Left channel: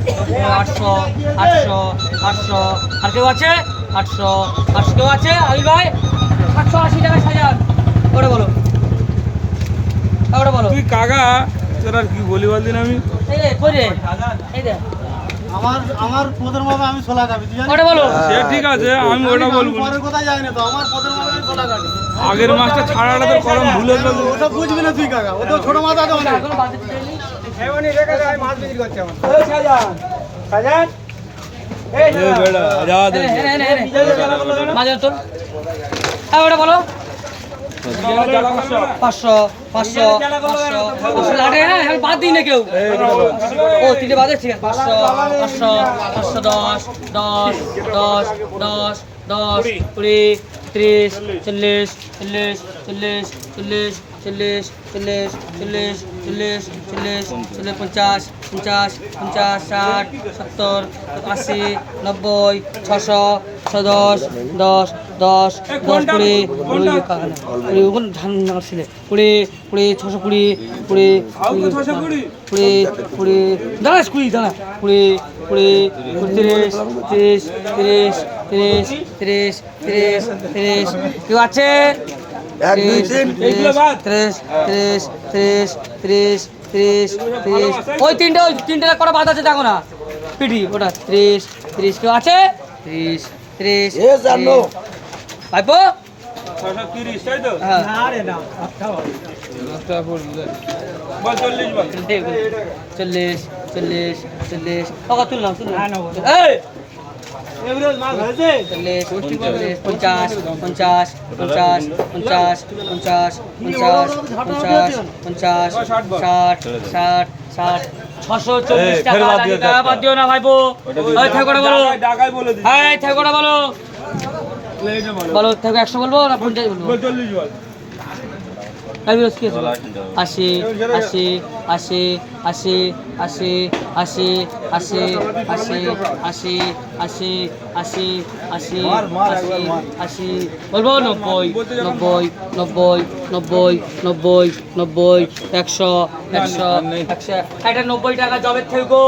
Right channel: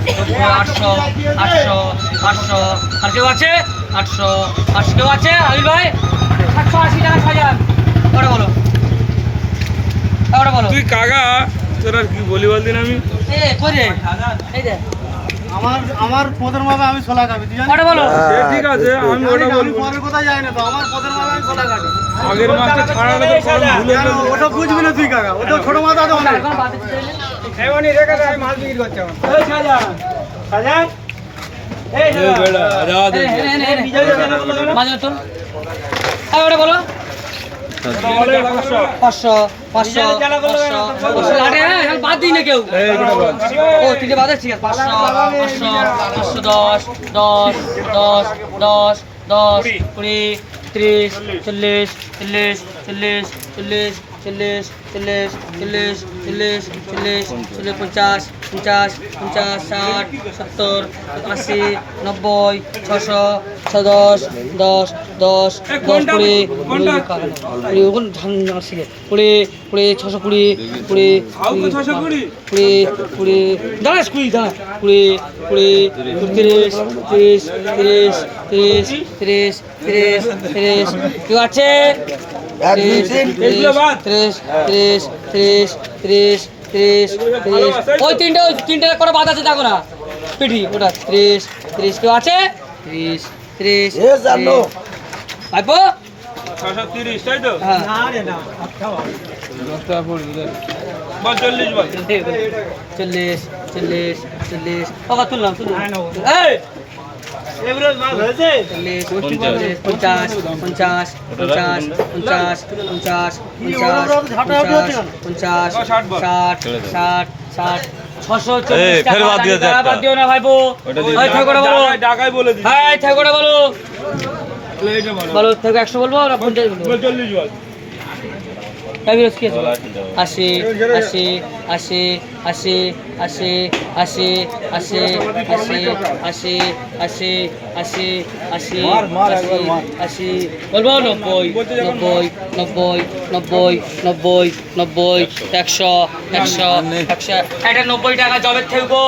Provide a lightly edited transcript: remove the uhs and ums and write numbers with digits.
800 800 800 আর কেউ আছে 800 800 কেউ আছে আবির ভাই 780 টাকা সাজান করে বলো তাহলে বলো তুই কাকা তোর আর কি বলি বলদিন আমি করে এই দে আমার পদের মাপে আমি 16 কাটি তুই জানিস ওটা বলো সে ঠিক আছে আমি ওটা আমি বলবো পরের কথা যাই না তো আমার পদের মাপে আমি 16 কাটি আগের মাসটা ছাড়া তো কম ভুলে গেল ওটা বুঝবি না তুই কাকা ওটা ছোট মাথা তো অনেক এখন বাদে চাইলে এমনি রেখে দে আমি মাছ বিক্রি করতে আমার এই সাজান সাজান এই বেড়া যা দে মাঝে তোর ওটা বলো 500 500 আরে হ্যাঁ বাদ দিই না কেউ ও তিনটে বাদ আছে 500 500 10 10 10 10 20 30 40 40 40 40 40 40 40 40 40 50 50 50 60 70 80 90 600 610 10 10 10 20 20 ধান ছিল 20 20 620 20 20 20 দাঁড়া 20 দাঁড়া 20 20 30 30 30 30 30 30 30 কেউ আছে 30 ওই তিনটে করে বাদ আছে দেখো না পিঠি ওটা 30 30 কেউ আছে 30 30 ভাইপো 630 তাই তো হ্যাঁ বল 40 বল 40 40 40 ওকা তুললাম এই 50 50 50 50 50 640 টাকা বাদ দিও না ভাইপো ওই ঠাকুরটা বলো ঢাকায় বলে দিই হ্যাঁ ঠাকুরটা বলো বলো থেকে 100 বলবো না 50 বলবো 40 বল কাবিরস কি আছে 80 80 80 80 80 80 80 80 80 80 80 80 বলবো 90 90 90 90 90 100 100 100 এটা 90 টাকা জবের থেকে গো